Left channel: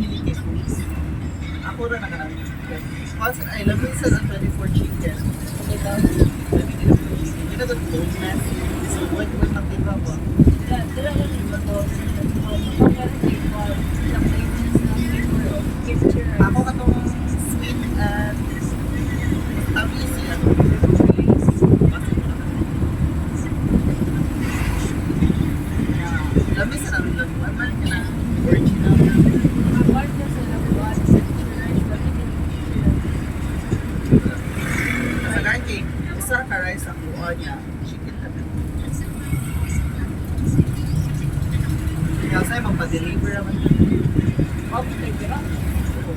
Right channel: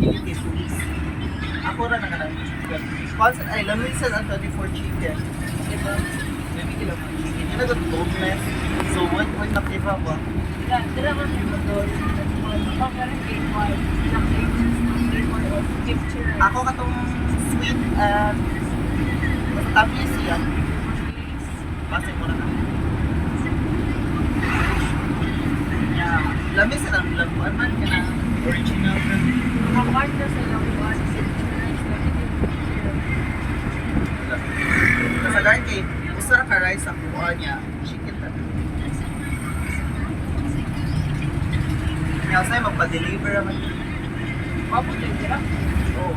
Unlimited foods. Ako rin ang kanang sponsor ay lamisan ang 24 chicken. Diba? 20 kilo ng chicken. Yun na doon boneless. So what nakita ba? Dala ko nito doon. Ako katong sweet at tabi siya. Basi mo na. Yeah. Lamisan ang lamuan man ka na. Original. Ang part na sa labuan, Kasagaran kay usa ka rice ang kuha niya. Chicken pa. Kaya sa'yo magpa-deliver naman. Mabot na dira. Oo.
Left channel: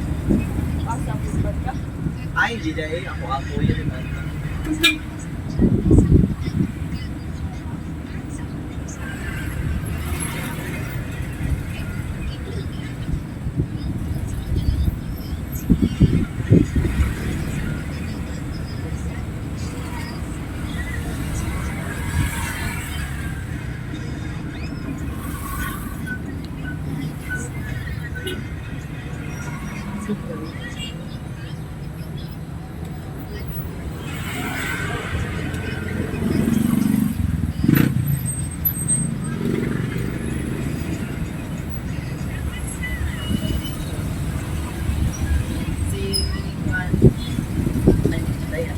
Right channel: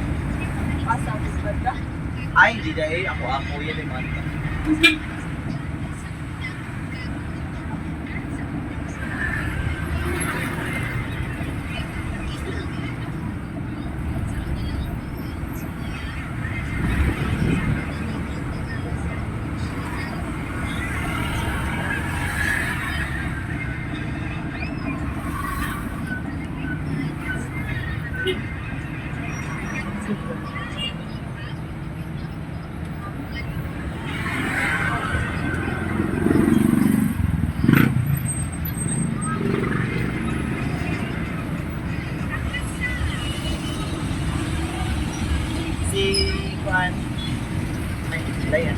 Asa ang banda. Ay, di dahil ako yun yung mga. Si Juan. Ay, Dayan.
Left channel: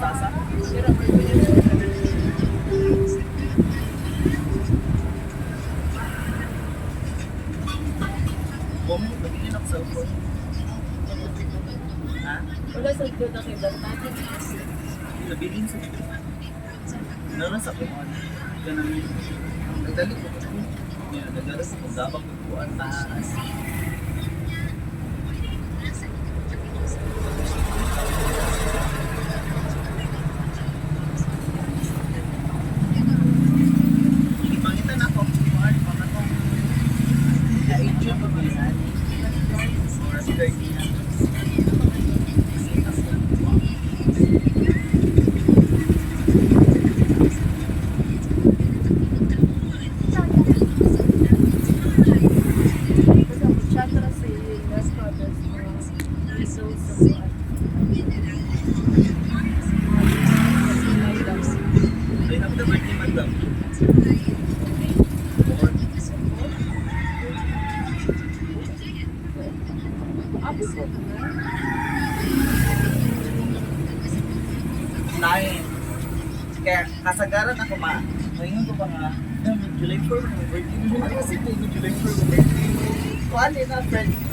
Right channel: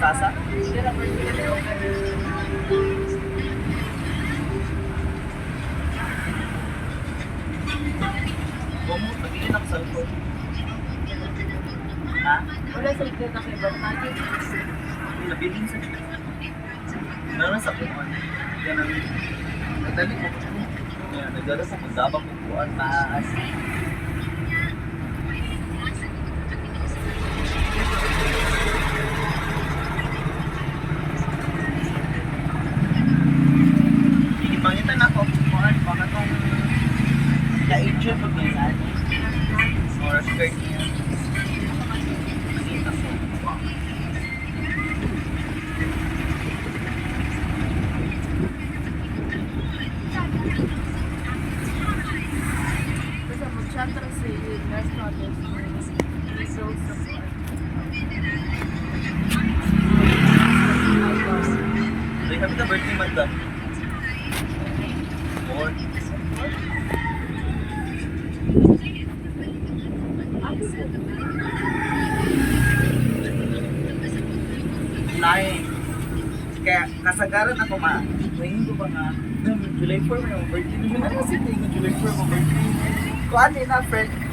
Sasa? Bomo, magiging ako sa cellphone. Ha? Wala sa ikot na kay Barnagin. Nabiling sa dito. Meron sa kuwan. Ganun. Nagdali ko ko. Nagdala sa magdabak ko kuwan. Taas. Ipangitan ako. Kuwan, pangatong ka-agent pag may nani. Or skirt niya. Basta mag-chatra sa iyo. Last notice. Results sa buwan. They have the birthday man done. More. Nine. Kaya kasagaran ako ma. Ngayon ko pa nga. July 4 mo birthday. Ano na kasi ito yung July 4 mo birthday. Kuhaan din na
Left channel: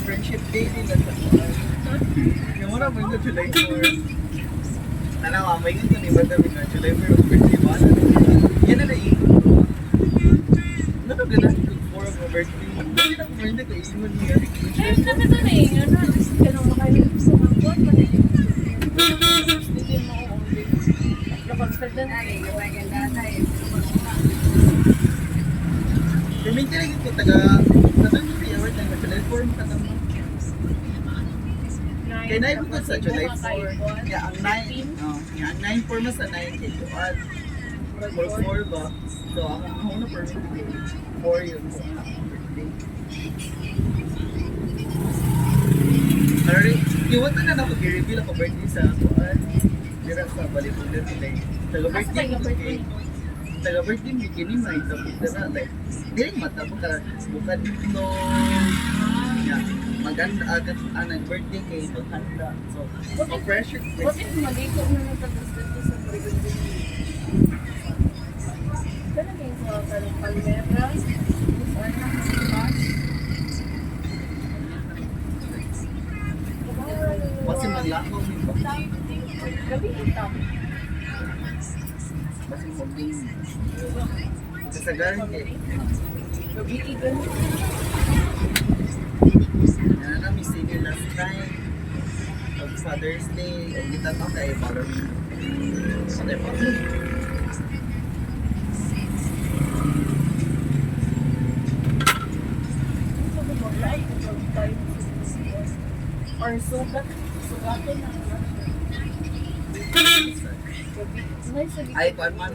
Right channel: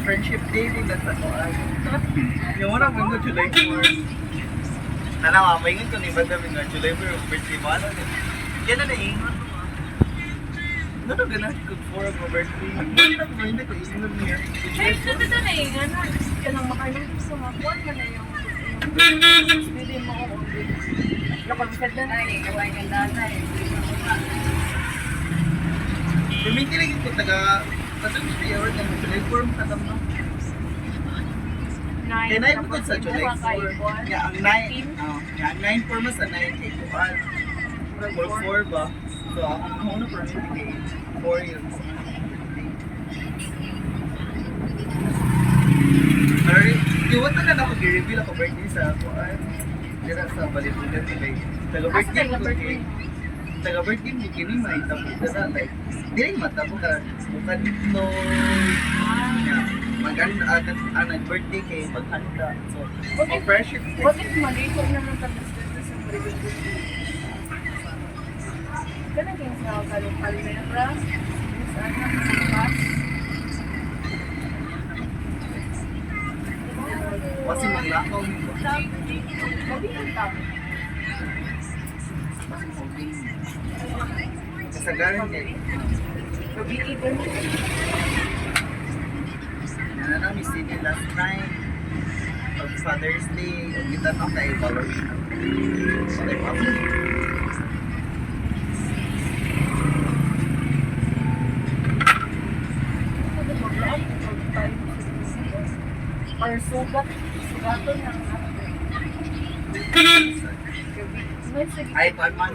friendship day din na sa kuhaan. Yung una mo yung July 4. Tanawa, maingon ko ni Bata na July 4 yung birthday mo. Ano din yun? Yan na naingon ko ba? Ano na gano'n yung 4 mo birthday? Ano na ko hindi ko ingon niya. Ay, ito na na eh. Ano? Ganang makalim sa hapon. Hindi mo ako ulit. Nakonsert na na eh. Gawin yung nanay. Perminti lagi ko taga Pasag City Award ng July 4 mo katang no? Kaya na ko sa July 4. Kaya ang 9, kaya ang 9 4 mas ang 9 kay Kuan. Or 4 ba? So ako na perminti kay 4 yun po. Alright, iwan na ako i-reveal ako birthday sa Kuan. Dira sa Balipunan nila. Taga-birthday ko kay taga-birthday mo kini may tapos na like dili matabo ka bukan ito maganda agad anang birthday kay maghanda so pressure What if maliko na ng tapos-tapos sa Marigon? Ganun kayo sa Kalong Palmera, saan na sa Pas? kasi maglakaw mo ba Gabi ang tao. kasi mabing kasagaran kay Gabi igan. na na miss you last time of Father's Day o kita no kay Ballerina okay pa Or sugaton ng gabi. May sige. ay kuan man